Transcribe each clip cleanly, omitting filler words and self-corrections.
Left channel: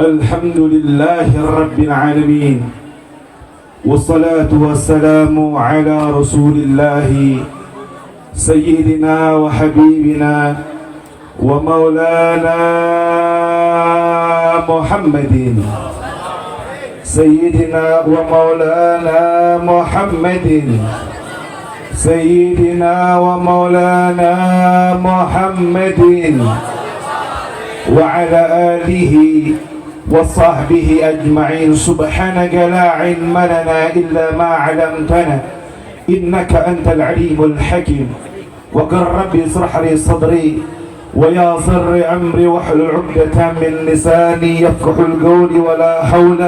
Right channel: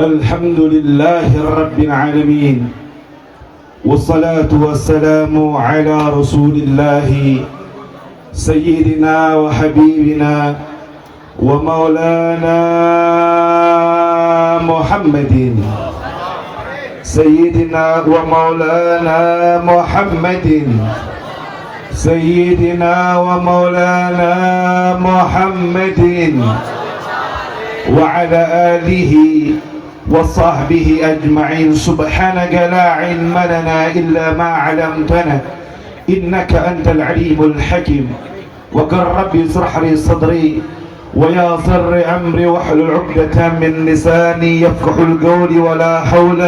الحمد لله رب العالمين والصلاة والسلام على رسول الله سيدنا وحبيبنا ومولانا محمد سيدنا ومولانا محمد سيدنا ومولانا محمد وعلى آله وصحبه أجمعين. سبحانك لا علم لنا إلا ما علمتنا إنك أنت العليم الحكيم. وقل ربي اشرح لي صدري ويسر لي أمري واحلل عقدة من لساني يفقه القول ولا حول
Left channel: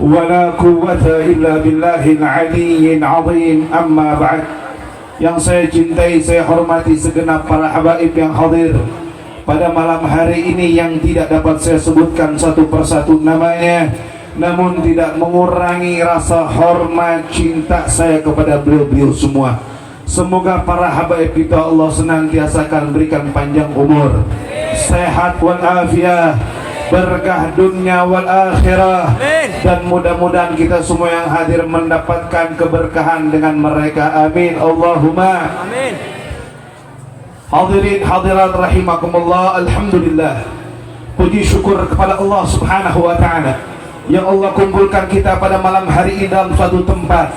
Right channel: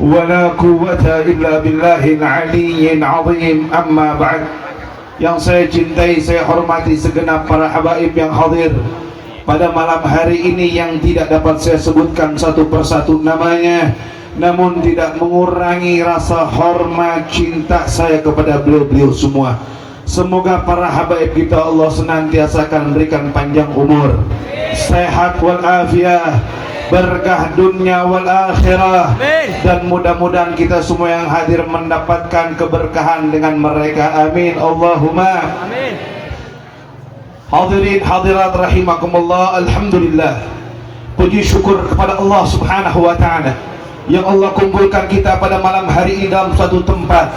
ولا قوة إلا بالله العلي العظيم. أما بعد, yang saya cintai, saya hormati segenap para habaib yang hadir pada malam hari ini, yang tidak dapat saya sebutkan satu persatu namanya, namun tidak mengurangi rasa hormat cinta saya kepada beliau-beliau semua. Semoga para habaib kita Allah senantiasa akan berikan panjang umur, sehat walafiat, berkah dunia wal akhirah, dan mudah-mudahan kita semua yang hadir mendapatkan keberkahan dengan mereka. Amin Allahumma amin. Hadirin hadirat rahimakumullah, alhamdulillah, puji syukur kepada Allah subhanahu wa ta'ala yang Allah kumpulkan kita pada malam hari ini dalam satu tempat,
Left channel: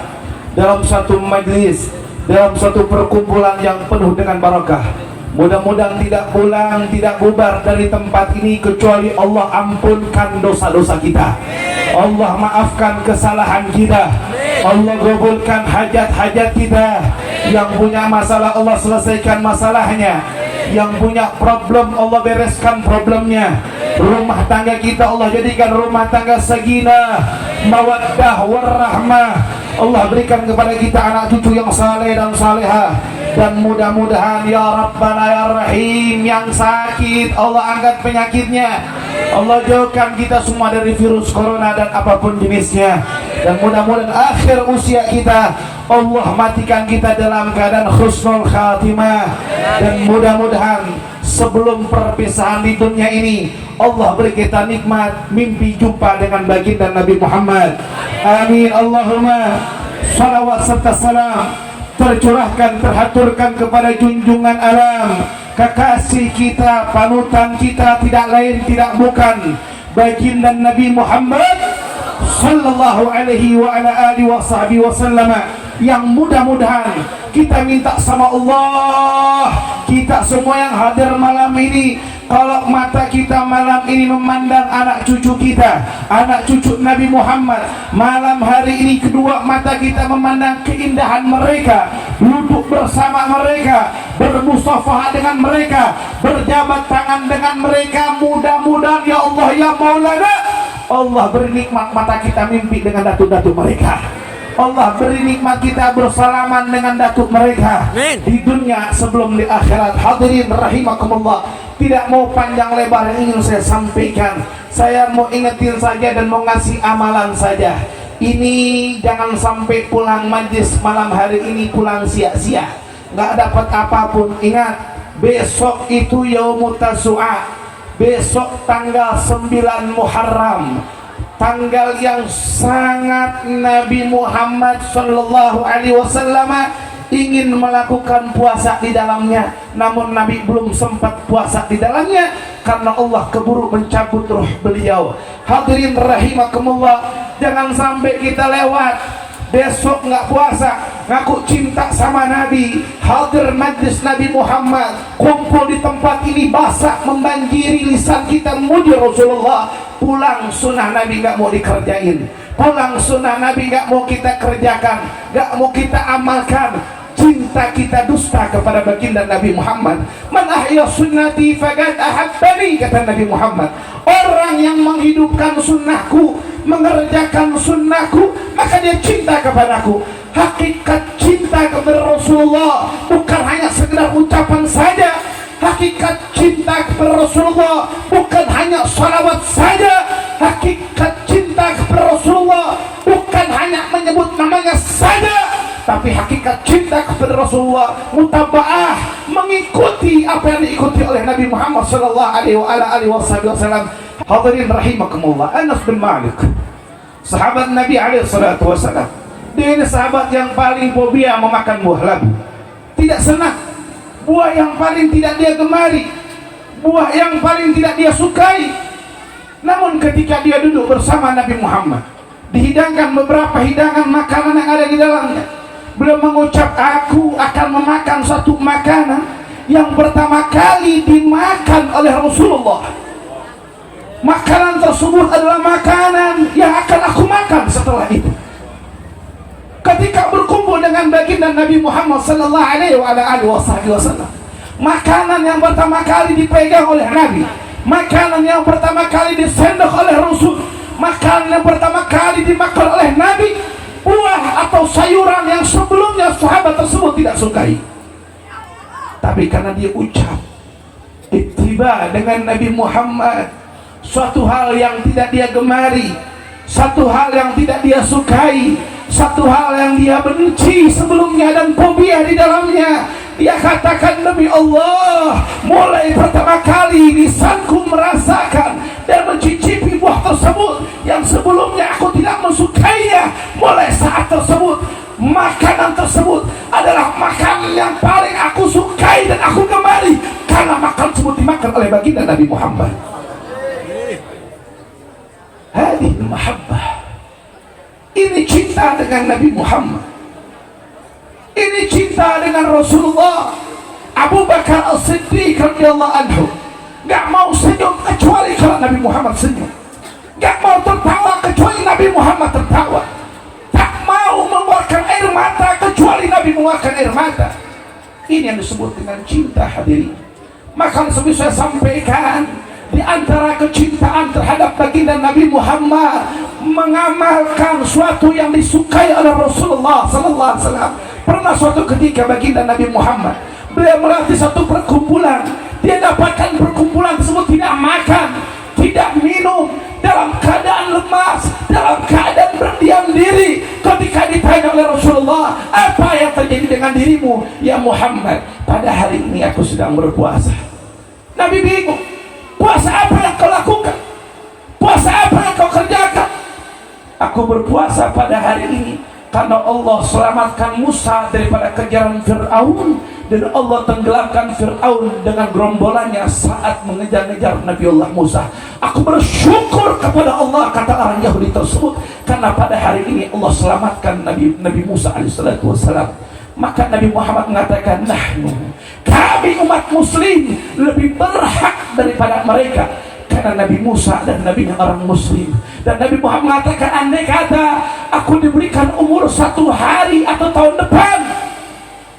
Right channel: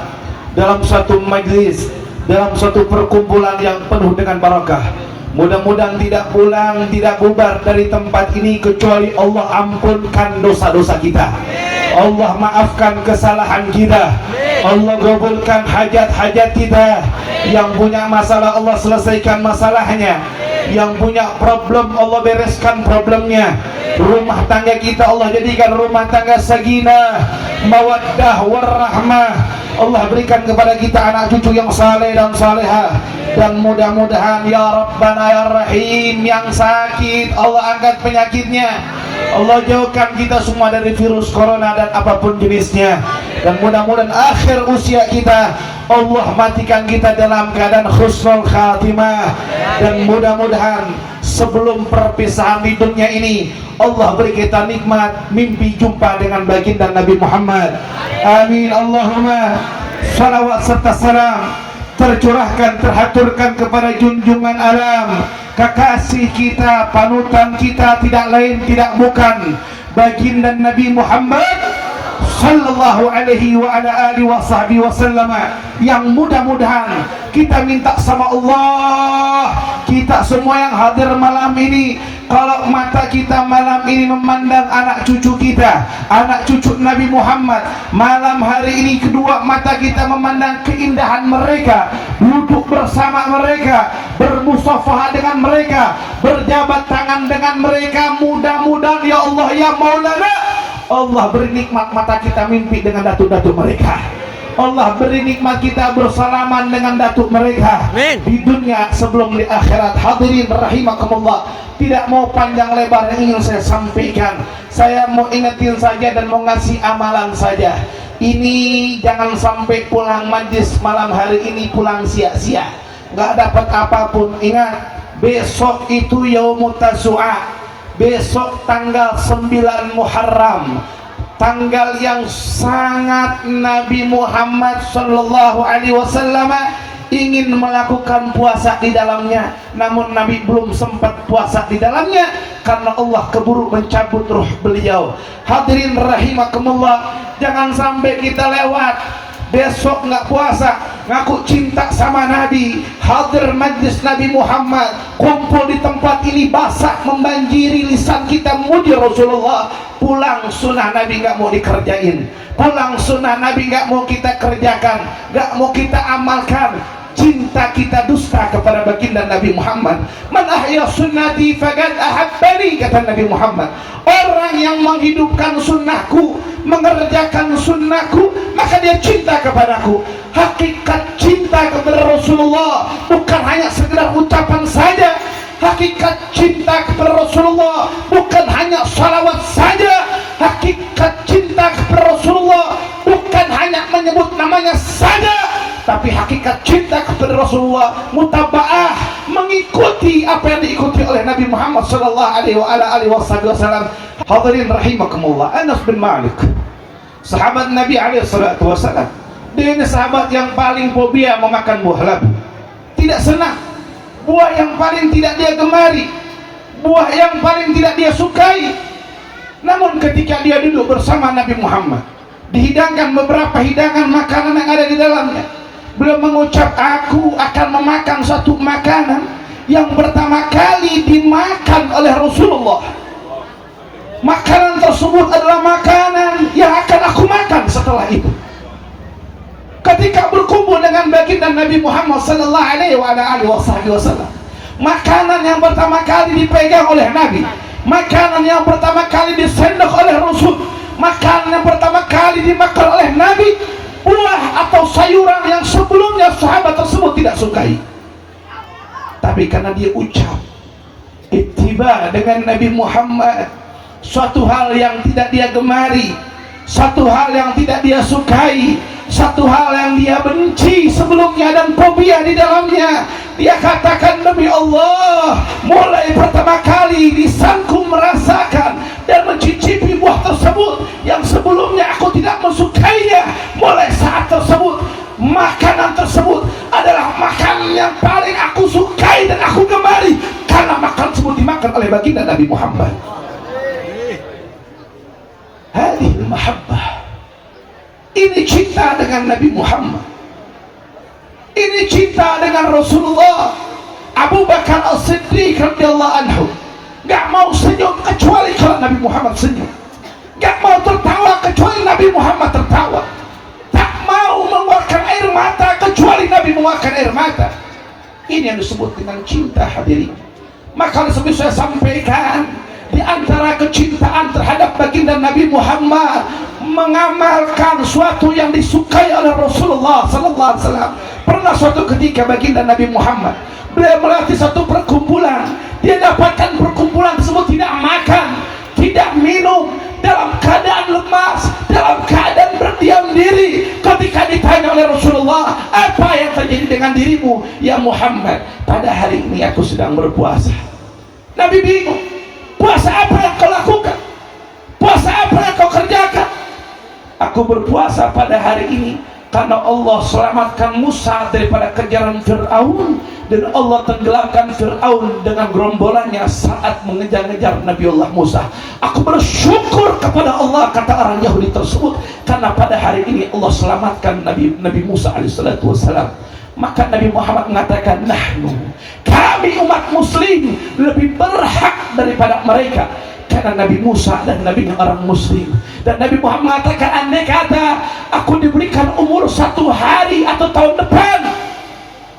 dalam satu majlis, dalam satu perkumpulan yang penuh dengan barakah. Mudah-mudahan tidak pulang, tidak bubar dari tempat ini kecuali Allah ampunkan dosa-dosa kita, Allah maafkan kesalahan kita, Allah kabulkan hajat-hajat kita. Yang punya masalah Allah selesaikan masalahnya, yang punya problem Allah bereskan problemnya. Rumah tangga kita Allah jadikan rumah tangga sakinah, mawaddah warahmah. Allah berikan kepada kita anak cucu yang saleh dan salehah. Dan mudah-mudahan ya Rabbana ya Rahim, yang sakit Allah angkat penyakitnya, Allah jauhkan kita semua dari virus corona dan apapun jenisnya. Dan mudah-mudahan akhir usia kita Allah matikan kita dalam keadaan husnul khatimah. Dan mudah-mudahan sebelum perpisahan di dunia ini Allah beri kita nikmat mimpi jumpa dengan baginda Nabi Muhammad. Amin Allahumma. Salawat serta salam tercurahkan, terhaturkan kepada junjungan alam, kekasih kita, panutan kita, tidak lain tidak bukan baginda Nabi Muhammad sallallahu alaihi wa ala alihi wa sahbihi wasallam, yang mudah-mudahan kita minta sama Allah, kita semua yang hadir malam ini, kalau mata kita malam ini memandang anak cucu kita, anak cucu Nabi Muhammad, malam hari ini kedua mata kita memandang keindahan mereka, duduk bersama mereka, bermusafaha dengan mereka, berjabat tangan dengan mereka, mudah-mudahan ya Allah ya Maulana, Allah beri nikmat mata kita mimpi dengan datuk-datuk mereka, Allah beri nikmat kita bersalaman dengan datuk mereka. Amin. Di dunia sebelum di akhirat. Hadirin rahimakumullah, tidak mau panjang lebar yang ingin saya sampaikan, saya mau ingetin saja dan mau ngasih amalan saja. Ini jangan sampai pulang majlis malam hari ini pulang sia-sia, nggak dapat apapun. Ingat, besok itu yaumut tasu'a, besok tanggal 9 Muharram, tanggal yang sangat Nabi Muhammad sallallahu alaihi wasallam ingin melakukan puasa di dalamnya, namun Nabi belum sempat puasa di dalamnya karena Allah keburu mencabut ruh beliau. Hadirin rahimakumullah, jangan sampai kita lewat besok nggak puasa, ngaku cinta sama Nabi, hadir majlis Nabi Muhammad, kumpul di tempat ini, basah membanjiri lisan kita muji Rasulullah, pulang sunnah Nabi nggak mau dikerjain, pulang sunnah Nabi nggak mau kita kerjakan, nggak mau kita amalkan. Cinta kita dusta kepada baginda Nabi Muhammad. Man ahya sunnati faqad ahabbani, kata Nabi Muhammad. Orang yang menghidupkan sunnahku, mengerjakan sunnahku, maka dia cinta kepadaku. Hakikat cinta kepada Rasulullah bukan hanya sekedar ucapan saja. Hakikat cinta kepada Rasulullah bukan hanya salawat saja. Hakikat cinta kepada Rasulullah bukan hanya menyebut namanya saja, tapi hakikat cinta kepada Rasulullah mutaba'ah, mengikuti apa yang diikuti oleh Nabi Muhammad sallallahu alaihi wasallam. Hadirin rahimakumullah, Anas bin Malik, sahabat Nabi alaihissalatu wassalam, dia ini sahabat yang paling fobia memakan buah labu. Tidak senang, buah yang paling tidak dia gemari, buah yang paling tidak dia sukai. Namun ketika dia duduk bersama Nabi Muhammad, dihidangkan beberapa hidangan makanan yang ada di dalamnya, beliau mengucap, aku akan memakan satu makanan yang pertama kali dimakan oleh Rasulullah. Makanan tersebut adalah makanan yang akan aku makan setelah itu. Ketika berkumpul dengan baginda Nabi Muhammad sallallahu alaihi wasallam, makanan yang pertama kali dipegang oleh Nabi, makanan yang pertama kali disendok oleh Rasul, makanan yang pertama kali dimakan oleh Nabi, buah atau sayuran yang sebelumnya sahabat tersebut tidak sukai. Tapi karena dia ucap ittiba dengan Nabi Muhammad, suatu hal yang tidak dia gemari, satu hal yang tidak dia sukai, satu hal yang dia benci sebelumnya dan fobia di dalamnya, dia katakan, demi Allah, mulai pertama kali lisanku merasakan dan mencicipi buah tersebut yang sebelumnya aku tidak mensukainya, mulai saat tersebut makanan tersebut adalah makanan yang paling aku sukai dan aku gemari, karena makanan tersebut dimakan oleh baginda Nabi Muhammad. Hadhihi mahabbah, ini cinta dengan Nabi Muhammad, ini cinta dengan Rasulullah. Abu Bakar As-Siddiq radhiyallahu anhu gak mau senyum kecuali kalau Nabi Muhammad senyum, gak mau tertawa kecuali Nabi Muhammad tertawa, tak mau mengeluarkan air mata kecuali Nabi mengeluarkan air mata. Ini yang disebut dengan cinta, hadirin. Maka seperti saya sampaikan, di antara kecintaan terhadap baginda Nabi Muhammad, mengamalkan suatu yang disukai oleh Rasulullah sallallahu alaihi wasallam. Pernah suatu ketika baginda Nabi Muhammad, beliau melewati satu perkumpulan, dia dapatkan perkumpulan tersebut tidak makan, tidak minum, dalam keadaan lemas, dalam keadaan berdiam diri. Ketika ditanya oleh Rasulullah, apa yang terjadi dengan dirimu ya Muhammad? Pada hari ini aku sedang berpuasa. Nabi bingung, puasa apa yang kau lakukan? Puasa apa yang kau kerjakan? Aku berpuasa pada hari ini karena Allah selamatkan Musa daripada kejaran Fir'aun, dan Allah tenggelamkan Fir'aun dengan gerombolannya saat mengejar-ngejar Nabiullah Musa. Aku bersyukur kepada Allah, kata orang Yahudi tersebut, karena pada hari ini Allah selamatkan Nabi Musa alaihissalatu wassalam. Maka Nabi Muhammad mengatakan, kami umat muslim lebih berhak daripada mereka, karena Nabi Musa dan Nabi orang muslim. Dan Nabi Muhammad mengatakan, andai kata aku diberikan umur 1 hari atau tahun depan,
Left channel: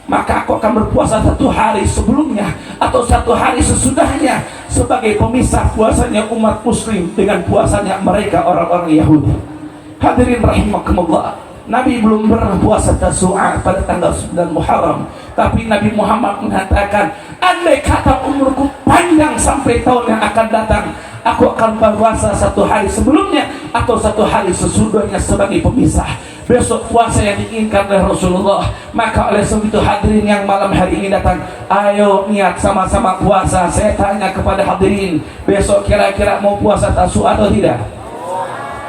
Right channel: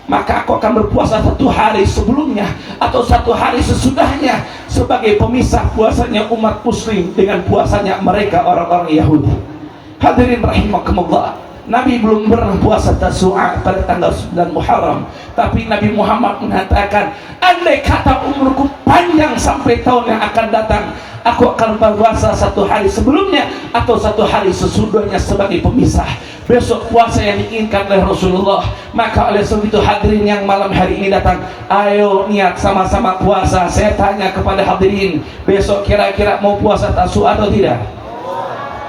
maka aku akan berpuasa 1 hari sebelumnya atau 1 hari sesudahnya, sebagai pemisah puasanya umat muslim dengan puasanya mereka orang-orang Yahudi. Hadirin rahimakumullah, Nabi belum pernah puasa Tasu'a pada tanggal 9 Muharram, tapi Nabi Muhammad mengatakan, andai kata umurku panjang sampai tahun yang akan datang, aku akan berpuasa 1 hari sebelumnya atau 1 hari sesudahnya sebagai pemisah. Besok puasa yang diinginkan oleh Rasulullah. Maka oleh sebab itu hadirin yang malam hari ini datang, ayo niat sama-sama puasa. Saya tanya kepada hadirin, besok kira-kira mau puasa Tasu'a atau tidak?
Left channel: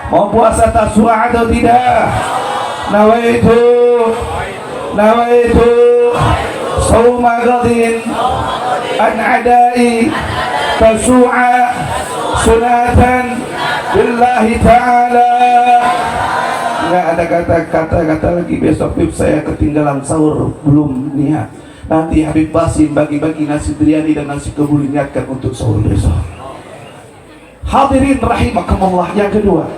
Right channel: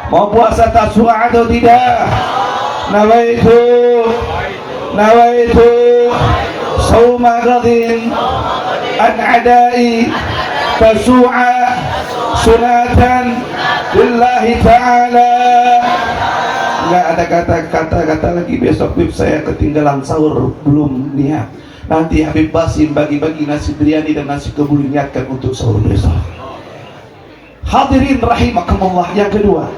Mau puasa Tasu'a atau tidak? Nawaitu sauma ghadin an adai Tasu'a sunatan lillahi ta'ala. Nggak ada kata-kata lagi. Besok saya ketinggalan sahur, belum niat. Nanti Habib Basim bagi-bagi nasi biryani dan nasi kebuli, niatkan untuk sahur besok. Hadirin rahimakumullah, yang kedua,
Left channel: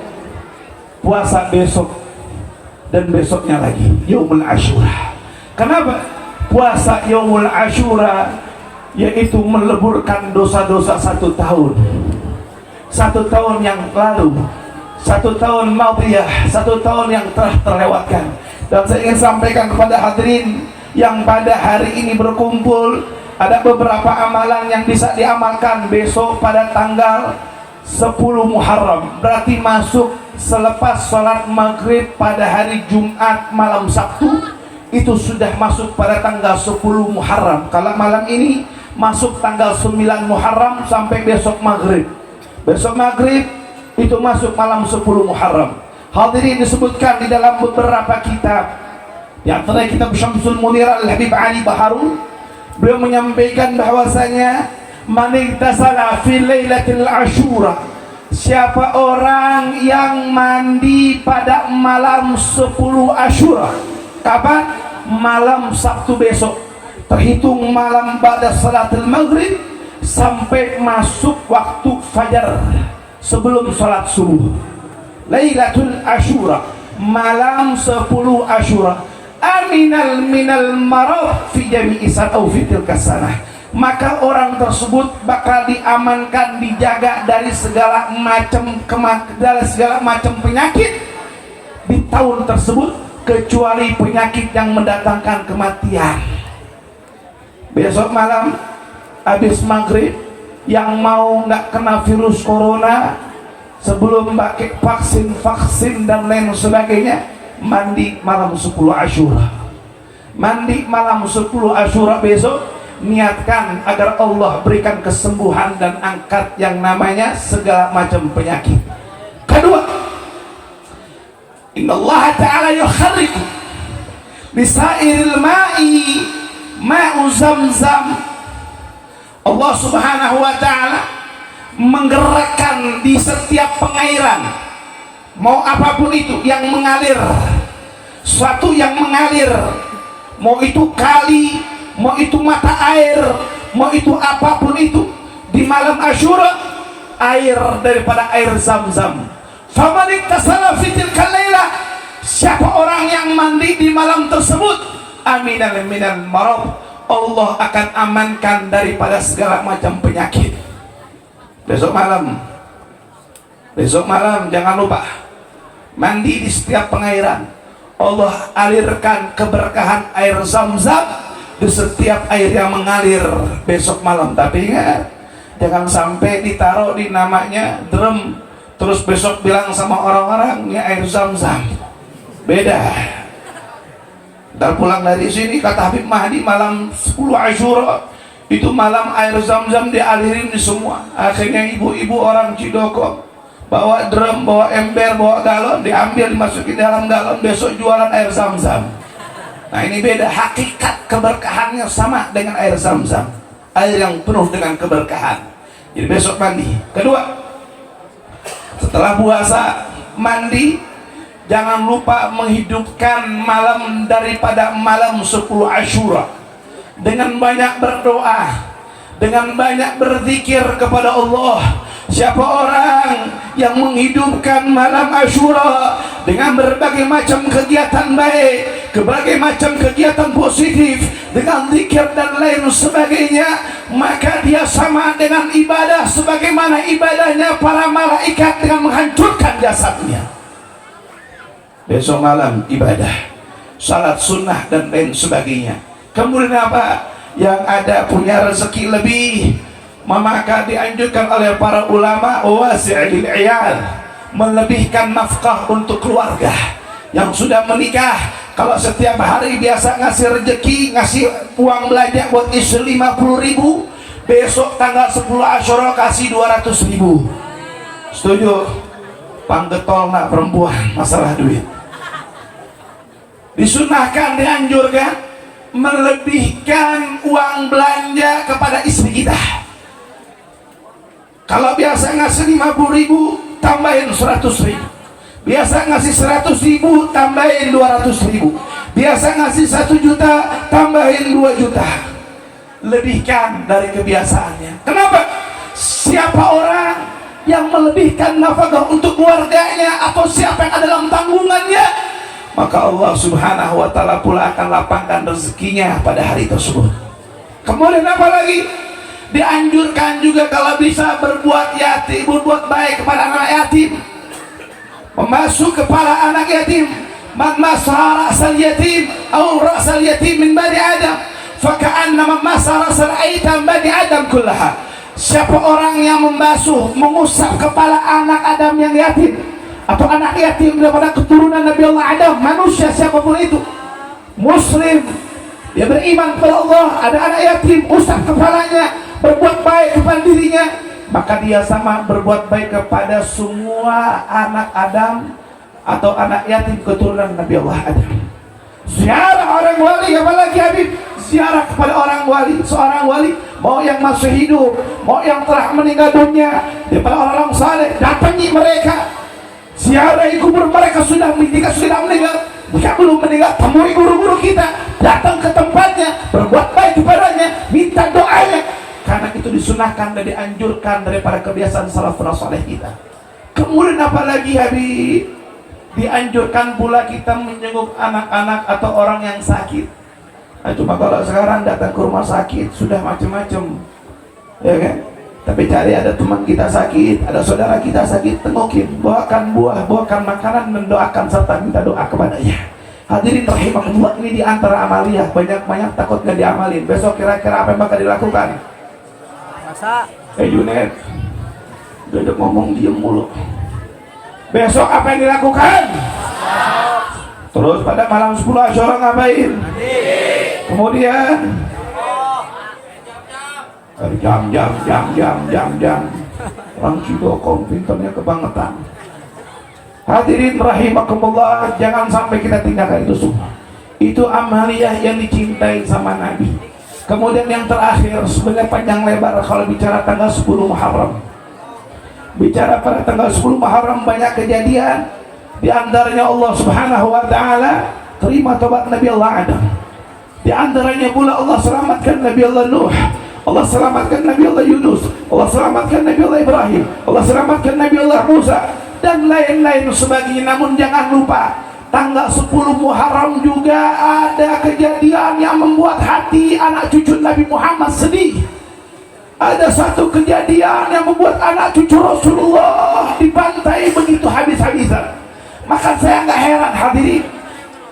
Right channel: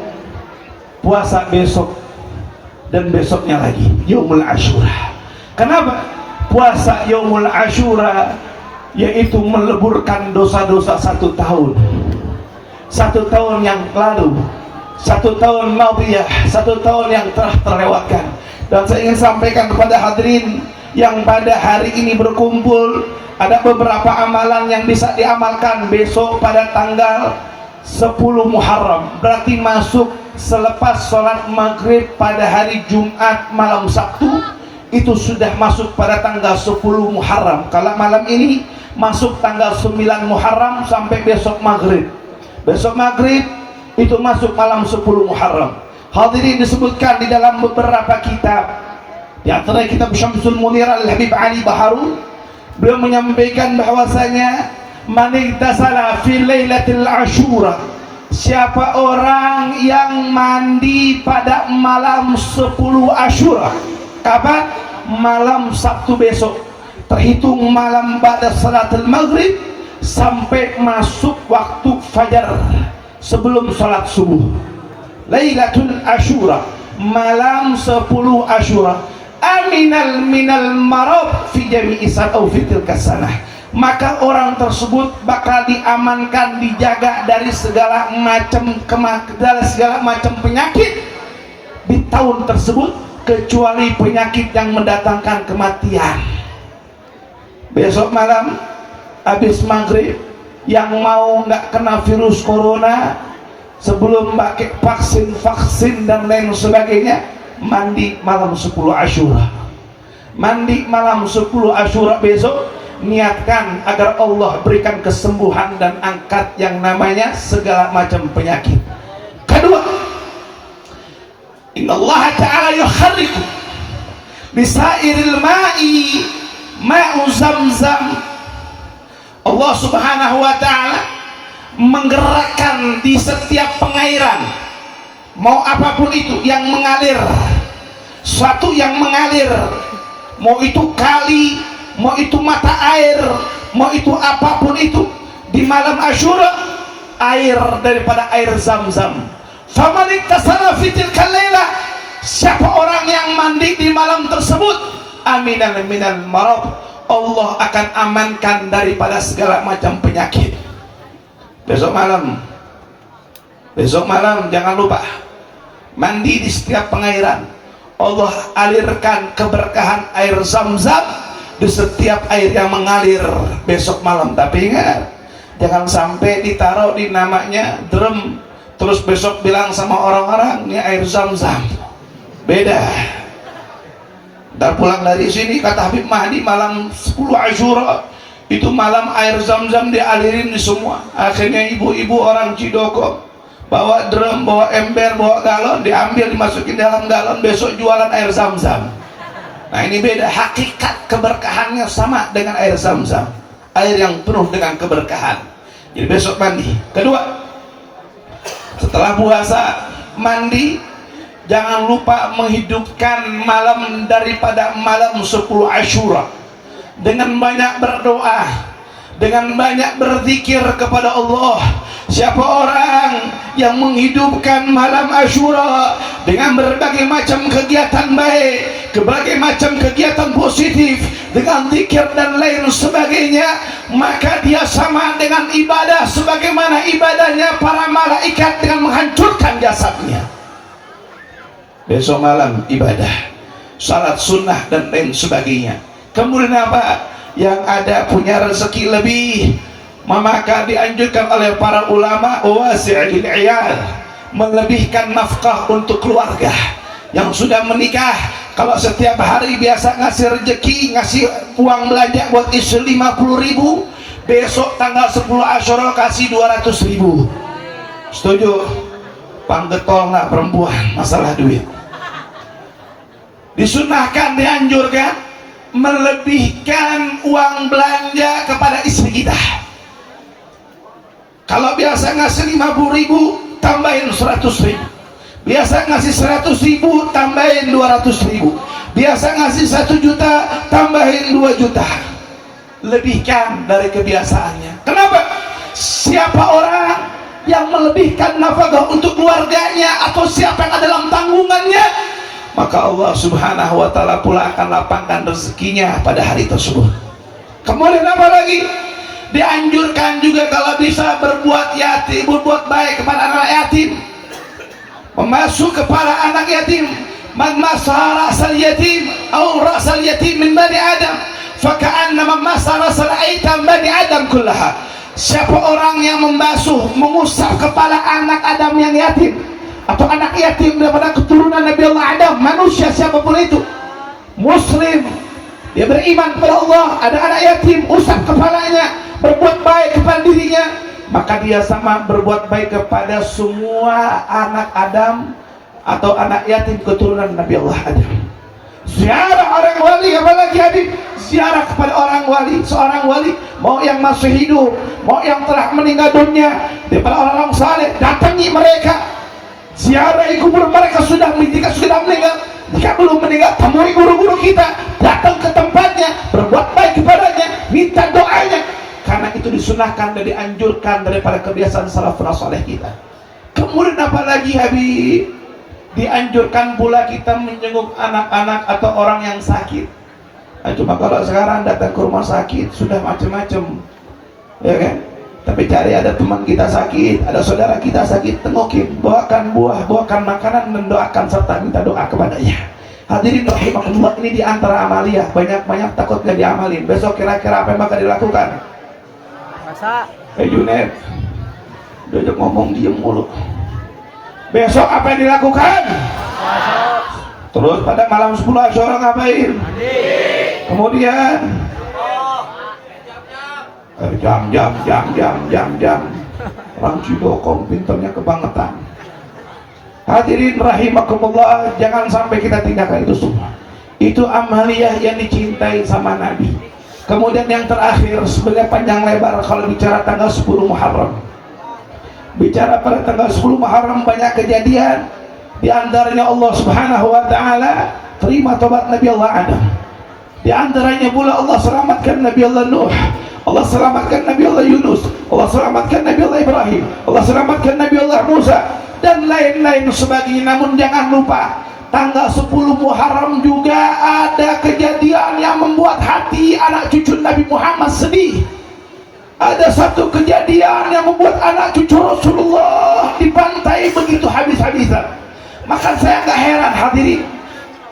puasa besok dan besoknya lagi, Yaumul Ashura. Kenapa puasa Yaumul Ashura? Yaitu meleburkan dosa-dosa 1 tahun. 1 tahun yang lalu, 1 tahun madiyah, 1 tahun yang telah terlewatkan. Dan saya ingin sampaikan kepada hadirin yang pada hari ini berkumpul, ada beberapa amalan yang bisa diamalkan besok pada tanggal 10 Muharram, berarti masuk selepas sholat maghrib pada hari Jumat malam Sabtu, itu sudah masuk pada tanggal 10 Muharram. Kalau malam ini masuk tanggal 9 Muharram sampai besok maghrib. Besok maghrib itu masuk malam 10 Muharram. Hadirin, disebutkan di dalam beberapa kitab, di antara kitab Syamsul Munir Al-Habib Ali Baharun, beliau menyampaikan bahwasanya man igtasala fi lailatul Asyura, siapa orang yang mandi pada malam 10 Asyura. Kapan? Malam Sabtu besok, terhitung malam pada salatul maghrib sampai masuk waktu fajar sebelum salat subuh. Lailatul Asyura, malam 10 Asyura, aminal minal marad fi jami'i atau fi tilka sanah, maka orang tersebut bakal diamankan, dijaga dari segala macam penyakit di tahun tersebut, kecuali penyakit yang mendatangkan kematian. Besok malam habis maghrib, yang mau nggak kena virus corona sebelum pakai vaksin dan lain sebagainya, mandi malam 10 Asyura. Mandi malam 10 Asyura besok, niatkan agar Allah berikan kesembuhan dan angkat yang namanya segala macam penyakit. Kedua, innallaha ta'ala yukharriku bisairil ma'i ma'u zamzam. Allah subhanahu wa ta'ala menggerakkan di setiap pengairan, mau apapun itu yang mengalir, suatu yang mengalir, mau itu kali, mau itu mata air, mau itu apapun itu, di malam Asyura, air daripada air Zam-Zam. Faman iktasala fi tilkal laila, siapa orang yang mandi di malam tersebut, aminan minal marad, Allah akan amankan daripada segala macam penyakit. Besok malam jangan lupa mandi di setiap pengairan. Allah alirkan keberkahan air Zam-Zam di setiap air yang mengalir besok malam. Tapi ingat, jangan sampai ditaruh di namanya drum, terus besok bilang sama orang-orang ini air Zam-Zam. Beda. Dan pulang dari sini kata Habib Mahdi, malam 10 Asyura itu malam air Zam-Zam dialirin di semua. Akhirnya ibu-ibu orang Cidoko bawa drum, bawa ember, bawa galon, diambil, dimasukin dalam galon, besok jualan air Zam-Zam. Nah ini beda, hakikat keberkahannya sama dengan air Zam-Zam, air yang penuh dengan keberkahan. Jadi besok mandi. Kedua, setelah puasa mandi, jangan lupa menghidupkan malam daripada malam 10 Asyura dengan banyak berdoa, dengan banyak berzikir kepada Allah. Siapa orang yang menghidupkan malam Asyura dengan berbagai macam kegiatan baik, berbagai macam kegiatan positif, dengan zikir dan lain sebagainya, maka dia sama dengan ibadah sebagaimana ibadahnya para malaikat dengan menghancurkan jasadnya. Besok malam ibadah, salat sunnah dan lain sebagainya. Kemudian apa? Yang ada punya rezeki lebih, maka dianjurkan oleh para ulama wasi'il iyal, melebihkan nafkah untuk keluarga. Yang sudah menikah, kalau setiap hari biasa ngasih rezeki, ngasih uang belanja buat istri 50.000, besok tanggal 10 Asyura kasih 200.000. Setuju? Panggetol nak perempuan masalah duit. Disunahkan, dianjurkan melebihkan uang belanja kepada istri kita. Kalau biasa ngasih 50.000, tambahin 100.000. Biasa ngasih 100.000, tambahin 200.000. Biasa ngasih 1 juta, tambahin 2 juta. Lebihkan dari kebiasaannya. Kenapa? Siapa orang yang melebihkan nafkah untuk keluarganya, atau siapa yang ada dalam tanggungannya, maka Allah subhanahu wa ta'ala pula akan lapangkan rezekinya pada hari tersebut. Kemudian apa lagi? Dianjurkan juga kalau bisa berbuat yatim, berbuat baik kepada anak yatim, membasuh kepala anak yatim. Man masa ra'sal yatim atau ra'sal yatim min bani Adam, faka'anna man masa ra'sal aitam bani Adam kullaha. Siapa orang yang membasuh, mengusap kepala anak Adam yang yatim, atau anak yatim daripada keturunan Nabi Allah Adam, manusia siapapun itu, muslim, dia beriman kepada Allah, ada anak yatim, usap kepalanya, berbuat baik kepada dirinya, maka dia sama berbuat baik kepada semua anak Adam atau anak yatim keturunan Nabi Allah Adam. Ziarah orang wali, apalagi Habib, ziarah kepada orang wali, seorang wali, mau yang masih hidup, mau yang telah meninggal dunia, daripada orang saleh, datangi mereka, ziarahi kubur mereka sudah meninggal. Jika belum meninggal, temui guru-guru kita, datang ke tempatnya, berbuat baik kepadanya, minta doanya, karena itu disunahkan dan dianjurkan daripada kebiasaan salafus saleh kita. Kemudian apalagi Habib, dianjurkan pula kita menjenguk anak-anak atau orang yang sakit. Nah, cuma kalau sekarang datang ke rumah sakit sudah macam-macam, ya kan? Tapi cari ada teman kita sakit, ada saudara kita sakit, tengokin, bawakan buah, bawakan makanan, dan doakan serta minta doa kepadanya. Hadirin rahimakumullah, ini diantara amalia, banyak-banyak takut gak diamalin. Besok kira-kira apa yang bakal dilakukan? Masa? Junet, udah ngomong diem mulu. Besok apa yang dilakukan? Masuk. Terus pada malam 10 Asyura ngapain? Mandi. Kemudian jam. Orang Cidokong pintarnya kebangetan. Hadirin rahimakumullah, jangan sampai kita tinggalkan itu semua. Itu amaliyah yang dicintai sama Nabi. Kemudian yang terakhir, sebagai panjang lebar kalau bicara tanggal 10 Muharram. Bicara pada tanggal 10 Muharram banyak kejadian. Di antaranya Allah Subhanahu wa taala terima tobat Nabi Allah Adam. Di antaranya pula Allah selamatkan Nabi Allah Nuh. Allah selamatkan Nabi Allah Yunus. Allah selamatkan Nabi Allah Ibrahim. Allah selamatkan Nabi Allah Musa dan lain-lain sebagainya. Namun jangan lupa tanggal 10 Muharram juga ada kejadian yang membuat hati anak cucu Nabi Muhammad sedih. Ada satu kejadian yang membuat anak cucu Rasulullah dibantai begitu habis-habisan. Maka saya nggak heran hadirin,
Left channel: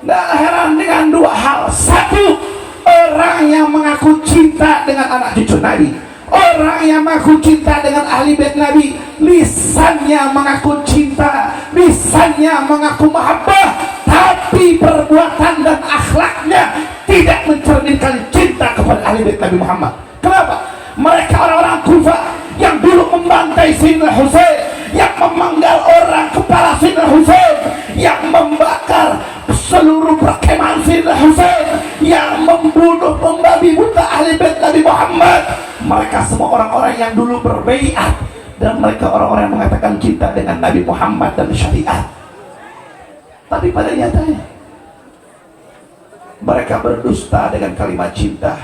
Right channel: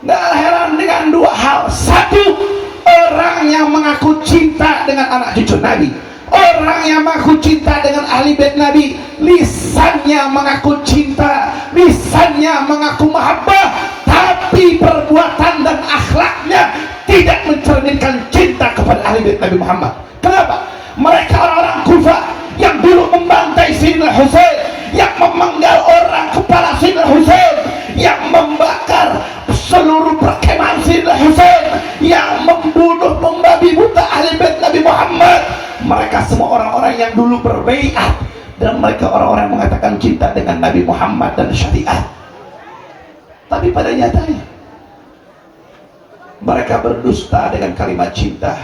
nggak heran dengan dua hal. Satu, orang yang mengaku cinta dengan anak cucu Nabi, orang yang mengaku cinta dengan ahli bait Nabi, lisannya mengaku cinta, lisannya mengaku mahabbah, tapi perbuatan dan akhlaknya tidak mencerminkan cinta kepada ahli bait Nabi Muhammad. Kenapa? Mereka orang-orang Kufah yang dulu membantai Sayyidina Husain, yang memenggal orang kepala Sayyidina Husain, yang membakar seluruh perkemahan Sayyidina Husain, yang membunuh membabi buta ahli bait Nabi Muhammad. Mereka semua orang-orang yang dulu berbaiat, dan mereka orang-orang yang mengatakan cinta dengan Nabi Muhammad dan syariat. Tapi pada nyatanya mereka berdusta dengan kalimat cinta,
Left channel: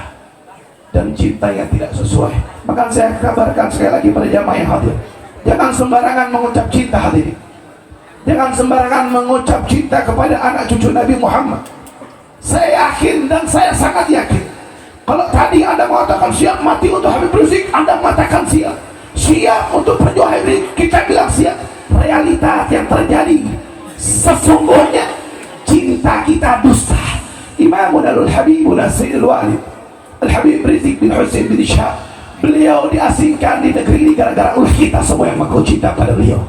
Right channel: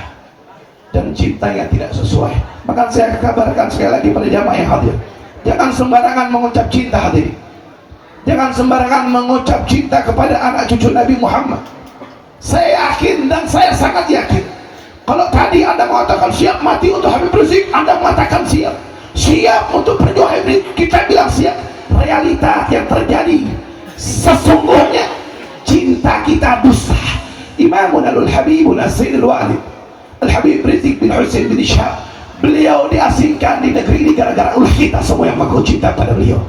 dan cinta yang tidak sesuai. Maka saya kabarkan sekali lagi pada jamaah yang hadir, jangan sembarangan mengucap cinta hadirin. Jangan sembarangan mengucap cinta kepada anak cucu Nabi Muhammad. Saya yakin dan saya sangat yakin, kalau tadi Anda mengatakan siap mati untuk Habib Rizik, Anda mengatakan siap untuk perjuangan Habib Rizik, kita bilang siap. Realita yang terjadi sesungguhnya cinta kita dusta. Imamun al-Habibul Sayyidul Walid Al-Habib Rizik bin Husain bin Ishaq, beliau diasingkan di negeri ini gara-gara ulah kita semua yang mengaku cinta pada beliau.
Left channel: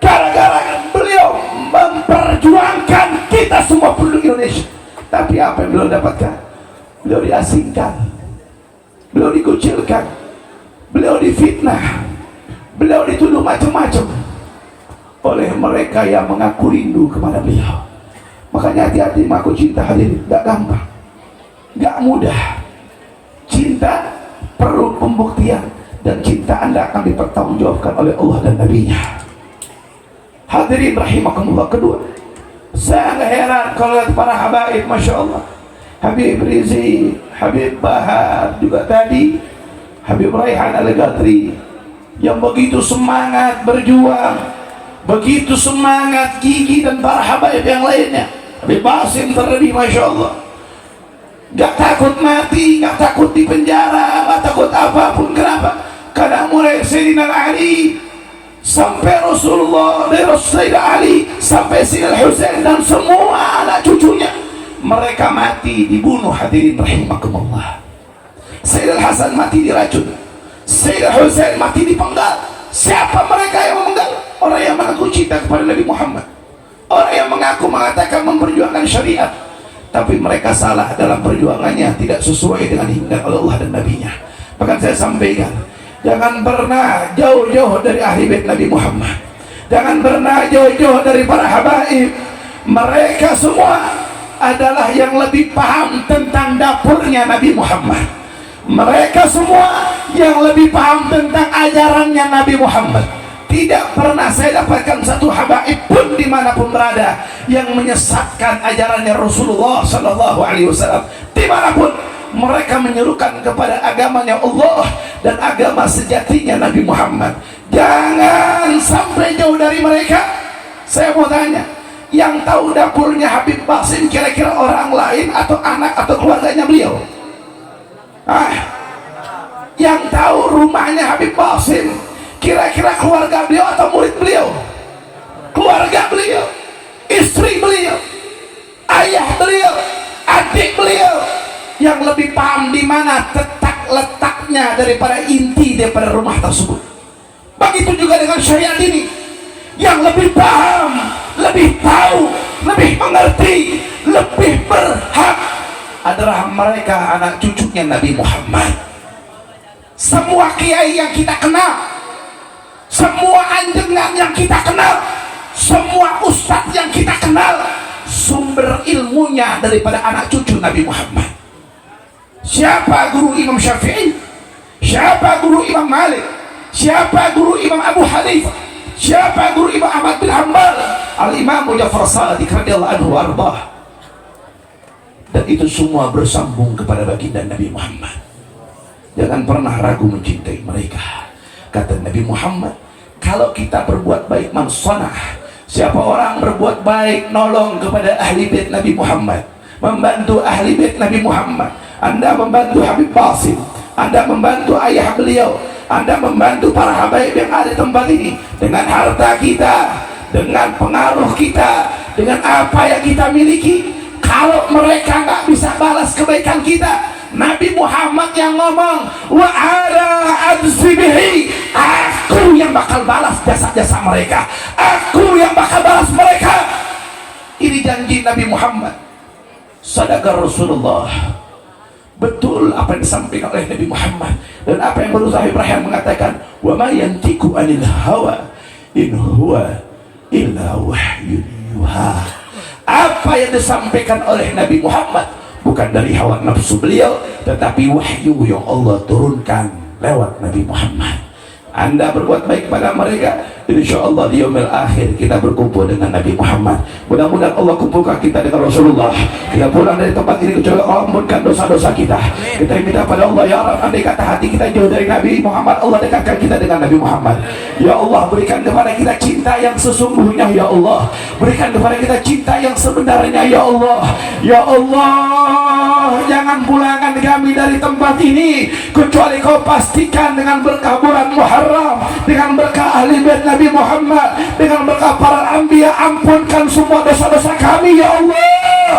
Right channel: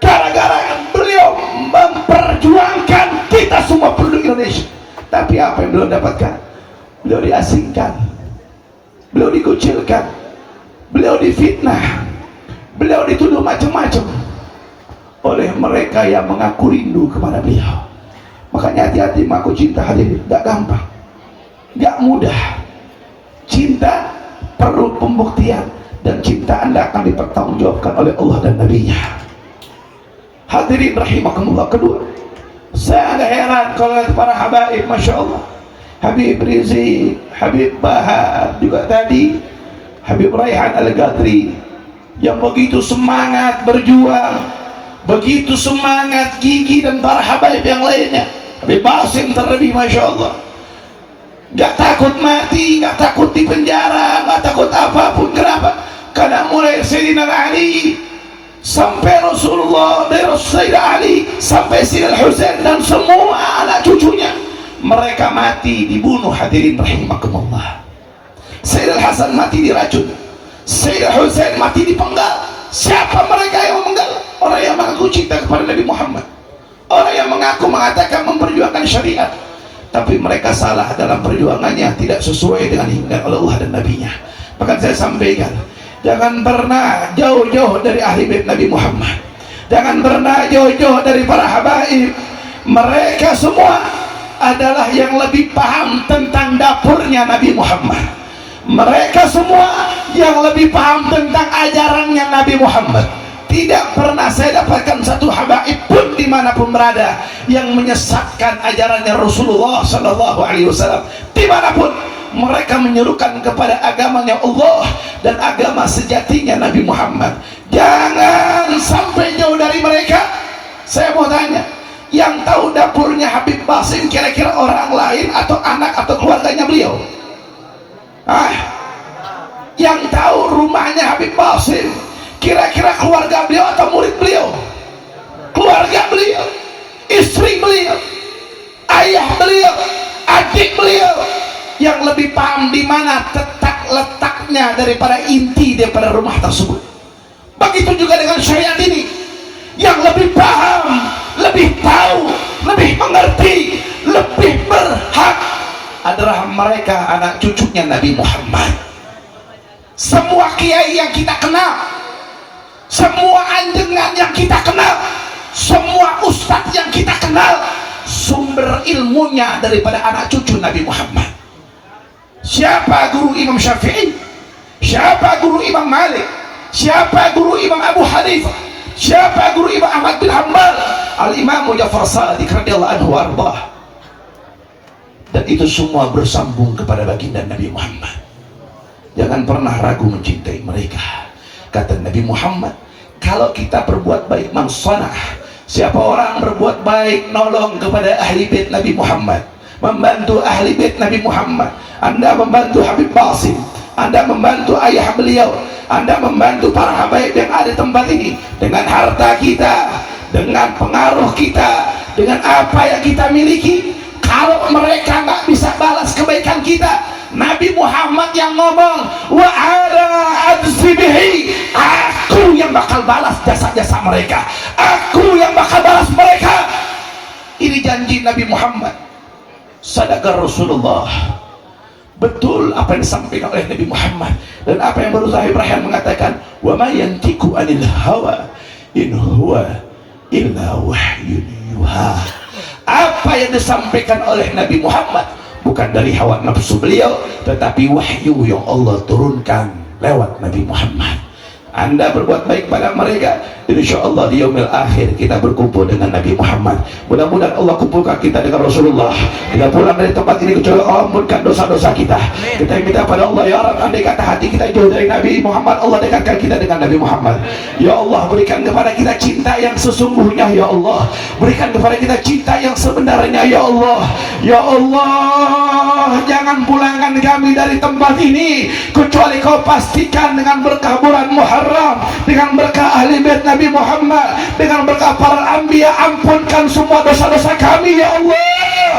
Gara-gara beliau memperjuangkan kita semua penduduk Indonesia. Tapi apa yang beliau dapatkan? Beliau diasingkan, beliau dikucilkan, beliau difitnah, beliau dituduh macam-macam oleh mereka yang mengaku rindu kepada beliau. Makanya hati-hati mengaku cinta hadirin, gak gampang, gak mudah. Cinta perlu pembuktian, dan cinta Anda akan dipertanggungjawabkan oleh Allah dan Nabi-Nya. Hadirin rahimakumullah. Kedua, saya agak heran kalau para habaib, masya Allah, Habib Rizik, Habib Bahar, juga tadi Habib Raihan Al-Ghadri, yang begitu semangat berjuang, begitu semangat gigi, dan para habaib yang lainnya, Habib Basim terlebih, masya Allah, gak takut mati, gak takut di penjara, gak takut apapun. Kenapa? Karena mulai Sayyidina Ali sampai Rasulullah, dari Sayyidina Ali sampai Sayyidina Husain dan semua anak cucunya, mereka mati dibunuh. Hadirin rahimakumullah. Sayyidina Hasan mati diracun, Sayyidina Husain mati dipenggal. Siapa mereka yang memenggal? Orang yang mengaku cinta kepada Nabi Muhammad, orang yang mengaku mengatakan memperjuangkan syariat, tapi mereka salah dalam perjuangannya, tidak sesuai dengan himpian Allah dan Nabi-Nya. Bahkan saya sampaikan, Jangan pernah jauh-jauh dari ahli bait Nabi Muhammad. Jangan pernah jauh-jauh dari para habaib. Mereka semua adalah yang lebih paham tentang dapurnya Nabi Muhammad. Mereka semua yang lebih paham tentang ajarannya Nabi Muhammad. Tidak pernah saya dapatkan satu habaib pun dimanapun berada yang menyesatkan ajarannya Rasulullah Sallallahu Alaihi Wasallam. Dimanapun mereka menyerukan kepada agamanya Allah dan agama sejatinya Nabi Muhammad. Jangan sampai jauh dari mereka. Saya mau tanya, yang tahu dapurnya Habib Basim kira-kira orang lain atau anak atau keluarganya beliau? Yang tahu rumahnya Habib Basim kira-kira keluarga beliau atau murid beliau? Keluarga beliau, istri beliau, ayah beliau, adik beliau. Yang lebih paham di mana letaknya daripada inti daripada rumah tersebut. Begitu juga dengan syariat ini. Yang lebih paham, lebih tahu, lebih mengerti, lebih berhak adalah mereka anak cucunya Nabi Muhammad. Semua kiai yang kita kenal, semua anjengan yang kita kenal, semua ustadz yang kita kenal, sumber ilmunya daripada anak cucu Nabi Muhammad. Siapa guru Imam Syafi'i? Siapa guru Imam Malik? Siapa guru Imam Abu Hanifah? Siapa guru Imam Ahmad bin Hanbal? Al-Imam Ja'far Shadiq radhiyallahu anhu warḍah. Dan itu semua bersambung kepada baginda Nabi Muhammad. Jangan pernah ragu mencintai mereka. Kata Nabi Muhammad, kalau kita berbuat baik, man sanah, siapa orang berbuat baik, nolong kepada ahli bait Nabi Muhammad, membantu ahli bait Nabi Muhammad. Anda membantu Habib Basim, Anda membantu ayah beliau, Anda membantu para habaib yang ada di tempat ini dengan harta kita, dengan pengaruh kita, dengan apa yang kita miliki. Kalau mereka nggak bisa balas kebaikan kita, Nabi Muhammad yang ngomong, wa ana adzbihi, aku yang bakal balas jasa-jasa mereka, aku yang bakal balas mereka. Ini janji Nabi Muhammad. Sadaqah Rasulullah. Betul apa yang disampaikan oleh Nabi Muhammad dan apa yang baru Habib Rayhan mengatakan, wa ma yantiqu anil hawa in huwa illa wahyun yuha. Apa yang disampaikan oleh Nabi Muhammad bukan dari hawa nafsu beliau, tetapi wahyu yang Allah turunkan lewat Nabi Muhammad. Anda berbuat baik pada mereka, insyaallah di yaumil akhir kita berkumpul dengan Nabi Muhammad. Mudah-mudahan Allah kumpulkan kita dengan Rasulullah. Kita pulang dari tempat ini kecuali Allah ampunkan dosa-dosa kita. Kita minta pada Allah, ya Allah, andai kata hati kita jauh dari Nabi Muhammad, Allah dekatkan kita dengan Nabi Muhammad. Ya Allah, berikan kepada kita cinta yang sesungguhnya, ya Allah. Berikan kepada kita cinta yang sebenarnya, ya Allah. Ya Allah, jangan pulangkan kami dari tempat ini kecuali kau pastikan dengan berkah bulan Muharram, dengan berkah ahli bait Nabi Muhammad, dengan berkah para anbiya. Ampunkan semua dosa-dosa kami, ya Allah.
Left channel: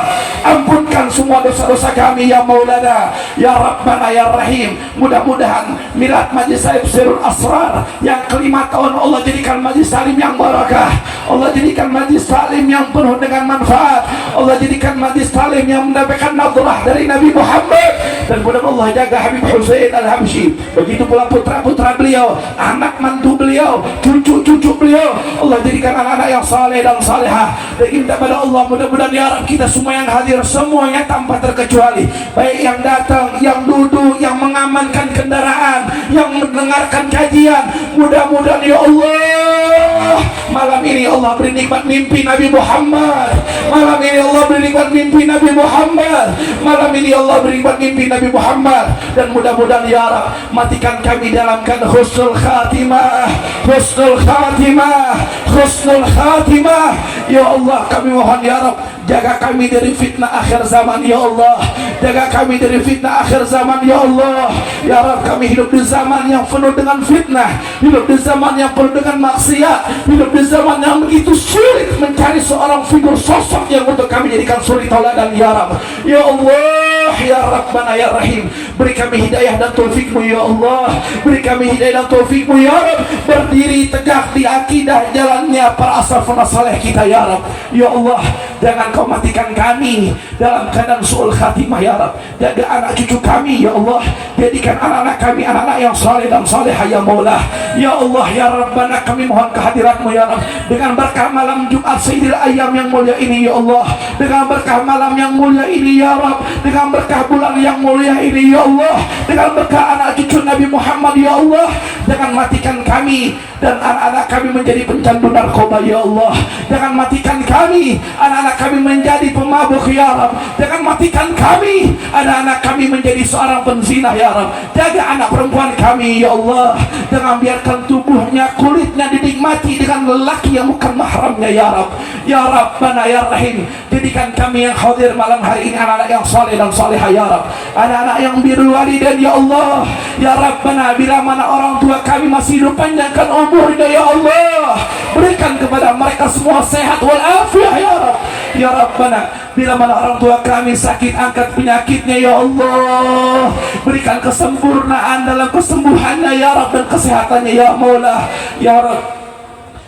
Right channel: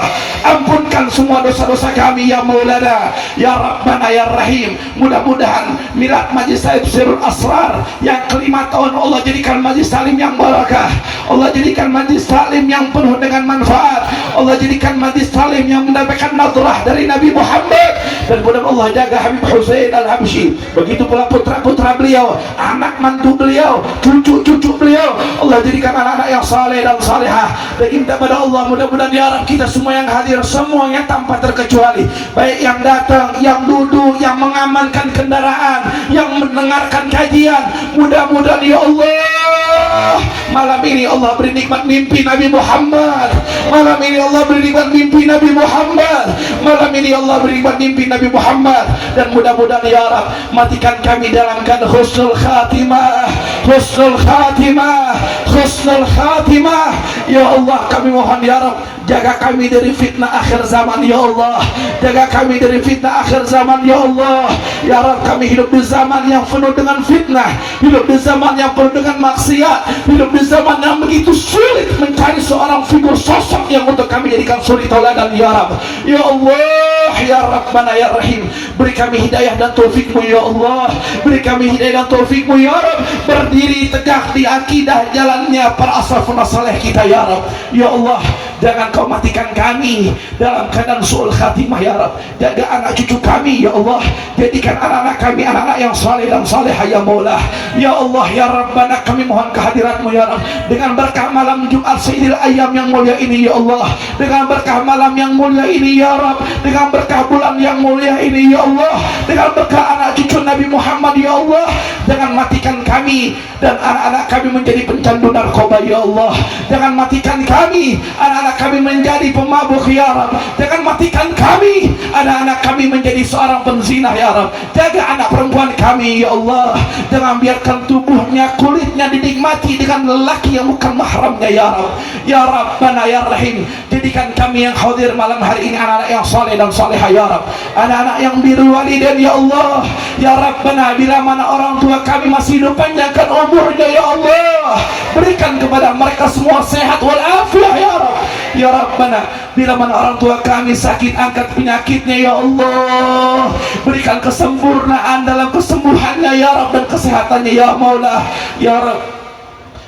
Ampunkan semua dosa-dosa kami, ya Maulana, ya Rabbana, ya Rahim. Mudah-mudahan milad Majlis Sirul Asrar yang kelima tahun Allah jadikan majlis salim yang barakah. Allah jadikan majlis salim yang penuh dengan manfaat. Allah jadikan majlis salim yang mendapatkan nadrah dari Nabi Muhammad. Dan mudah-mudahan Allah jaga Habib Husain Al-Habsyi, begitu pula putra-putra beliau, anak mantu beliau, cucu-cucu beliau. Allah jadikan anak-anak yang saleh dan salehah. Dan kita pada Allah, mudah-mudahan ya Rabb, kita semua yang hadir, semuanya tanpa terkecuali, baik yang datang, yang duduk, yang mengamankan kendaraan, yang mendengarkan kajian, mudah-mudahan ya Allah, malam ini Allah beri nikmat mimpi Nabi Muhammad. Malam ini Allah beri nikmat mimpi Nabi Muhammad. Malam ini Allah beri nikmat mimpi Nabi Muhammad. Dan mudah-mudahan ya Rabb, matikan kami dalam keadaan husnul khatimah, husnul khatimah, husnul khatimah. Ya Allah, kami mohon ya Rabb, jaga kami dari fitnah akhir zaman, ya Allah. Jaga kami dari fitnah akhir zaman, ya Allah. Ya Rabb, kami hidup di zaman yang penuh dengan fitnah, hidup di zaman yang penuh dengan maksiat, hidup di zaman yang begitu sulit mencari seorang figur sosok yang untuk kami jadikan suri tauladan, ya Rabb. Ya Allah, ya Rabbana, ya Rahim, Beri kami hidayah dan taufikmu ya Allah. Beri kami hidayah dan taufikmu ya Rabb. Berdiri tegak di akidah jalannya para asrafun saleh kita ya Rabb. Ya Allah, jangan kau matikan kami dalam keadaan su'ul khatimah ya Rabb. Jaga anak cucu kami ya Allah. Jadikan anak-anak kami anak-anak yang saleh dan salehah ya Maulah. Ya Allah ya Rabbana, kami mohon kehadiratmu ya Rabb. Dengan berkah malam Jumat Sayyidil Ayyam yang mulia ini ya Allah. Dengan berkah malam yang mulia ini ya Rabb. Dengan berkah bulan yang mulia ini ya Allah. Dengan berkah anak cucu Nabi Muhammad ya Allah. Jangan matikan kami dan anak-anak kami menjadi pencandu narkoba ya Allah. Jangan matikan kami, anak-anak kami menjadi pemabuk ya Rabb. Jangan matikan kami, anak-anak kami menjadi seorang penzina ya Rabb. Jaga anak perempuan kami ya Allah. Jangan biarkan tubuhnya, kulitnya dinikmati dengan lelaki yang bukan mahramnya ya Rabb. Ya Rabbana ya Rahim, jadikan kami yang hadir malam hari ini anak-anak yang saleh dan salehah ya Rabb. Anak-anak yang birrul walidain ya Allah. Ya Rabbana, bila mana orang tua kami masih hidup, panjangkan umurnya ya Allah. Berikan kepada mereka semua sehat walafiat ya Rabb. Ya Rabbana, bila mana orang tua kami sakit, angkat penyakitnya ya Allah. Berikan kesempurnaan dalam kesembuhannya ya Rabb, dan kesehatannya ya Maulah. Ya Rabb,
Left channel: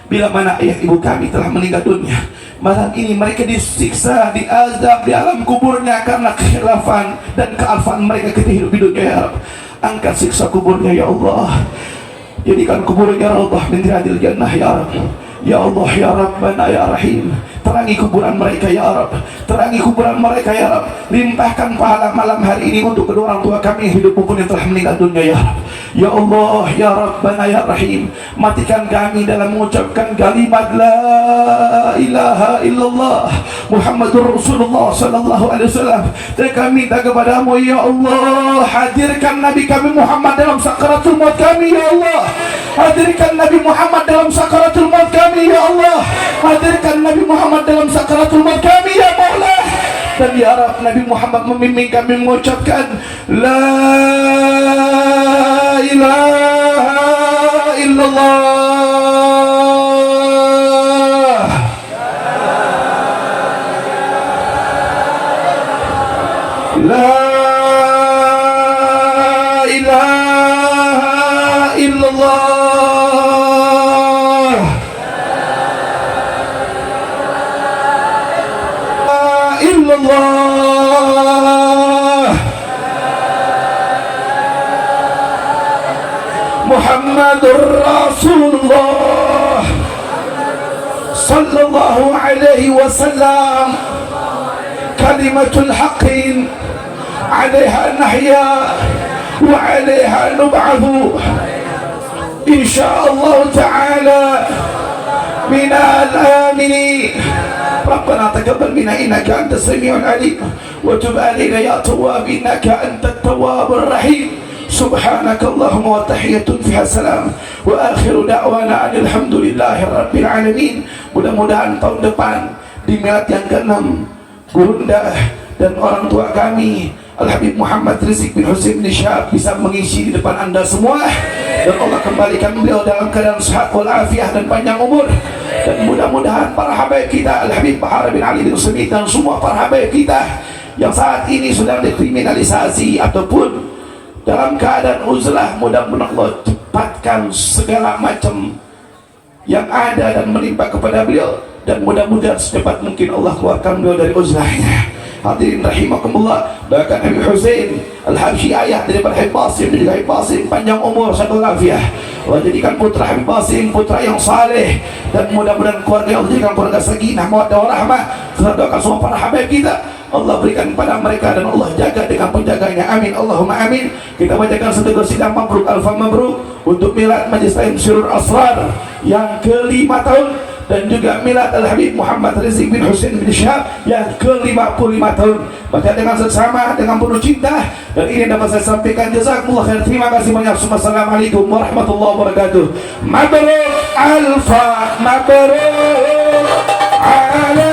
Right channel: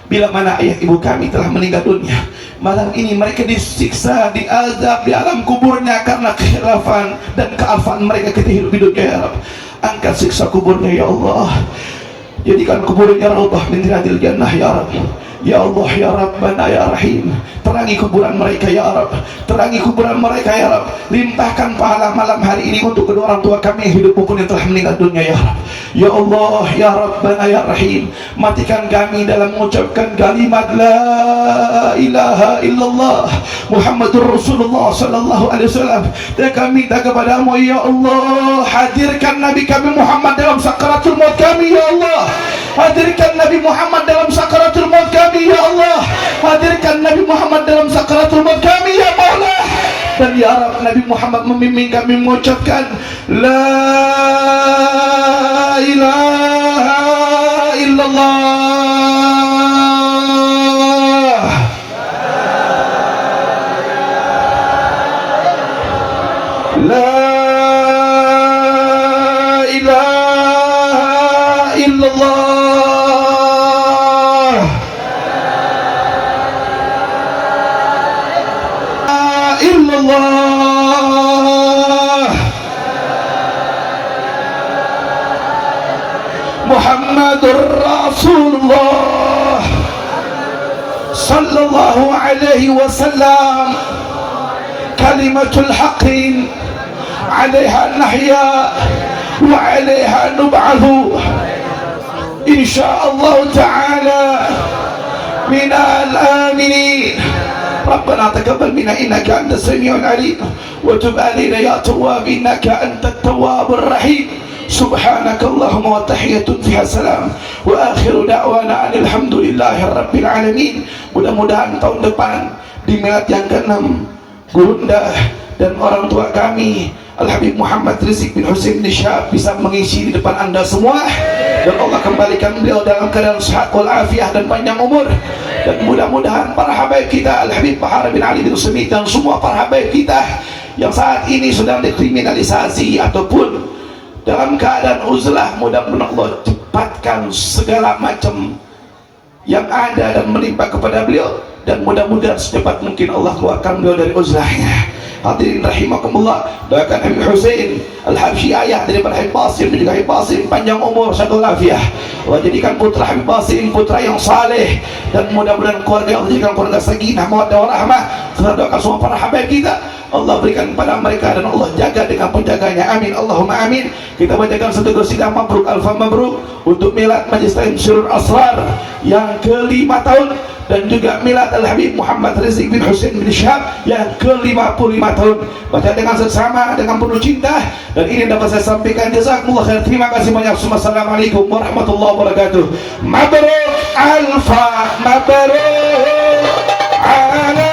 bila mana ayah ibu kami telah meninggal dunia, malam ini mereka disiksa, diazab di alam kuburnya karena kekhilafan dan kealfaan mereka ketika hidup di dunia ya Rabb. Angkat siksa kuburnya ya Allah. Jadikan kuburnya raudhah min riyadil jannah ya Rabb. Ya Allah ya Rabbana ya Rahim, terangi kuburan mereka ya Rabb. Terangi kuburan mereka ya Rabb. Limpahkan pahala malam hari ini untuk kedua orang tua kami yang hidup maupun yang telah meninggal dunia ya Rabb. Ya Allah ya Rabbana ya Rahim, matikan kami dalam mengucapkan kalimat la ilaha illallah Muhammadur Rasulullah sallallahu alaihi wasallam. Dan kami minta kepadamu ya Allah, hadirkan Nabi kami Muhammad dalam sakaratul maut kami ya Allah. Hadirkan Nabi Muhammad dalam sakaratul maut kami ya Allah. Hadirkan Nabi Muhammad dalam sakaratul maut kami ya Allah. Dan ya Rabb, Nabi Muhammad memimpin kami mengucapkan la ilaha illallah. La ilaha illallah. Illallah Muhammadur Rasulullah sallallahu alaihi wasallam. Kalimatul haqqin 'alaiha nahya wa 'alaiha nub'athu insyaallah ta'ala minal aminin. ربنا تقبل منا إنك أنت السميع العليم وتب علينا يا تواب إنك أنت التواب الرحيم. سبحانك اللهم وتحية فيها سلام وآخر دعوانا أن الحمد لله رب العالمين. Mudah-mudahan tahun depan di milad yang ke-6 Bunda dan orang tua kami Al-Habib Muhammad Rizik bin Husain bin Syahab bisa mengisi di depan anda semua, dan Allah kembalikan beliau dalam keadaan sehat walafiat dan panjang umur. Dan mudah-mudahan para habaib kita Al-Habib Bahar bin Ali bin Usmi dan semua para habaib kita yang saat ini sedang dikriminalisasi ataupun dalam keadaan uzlah, mudah-mudahan Allah cepatkan segala macam yang ada dan menimpa kepada beliau, dan mudah-mudahan secepat mungkin Allah keluarkan beliau dari uzlahnya. Hadirin rahimakumullah, doakan Habib Husain Al-Habsyi, ayah daripada Habib Qasim dan juga Habib Qasim panjang umur satu lafiah. Allah jadikan putra Habib Qasim putra yang saleh, dan mudah-mudahan keluarga Allah jadikan keluarga sakinah mawaddah warahmah. Kita doakan semua para habaib kita, Allah berikan kepada mereka dan Allah jaga dengan penjaganya, amin Allahumma amin. Kita bacakan satu qasidah mabruk alfa mabruk untuk milad Majlis Ta'lim Sirrul Asrar yang ke-5 tahun, dan juga milad Al-Habib Muhammad Rizik bin Husain bin Syahab yang ke-55 tahun. Baca dengan seksama, dengan penuh cinta, dan ini dapat saya sampaikan. Jazakumullah khair. Terima kasih banyak. Assalamualaikum warahmatullahi wabarakatuh. Mabruk alfa mabruk ala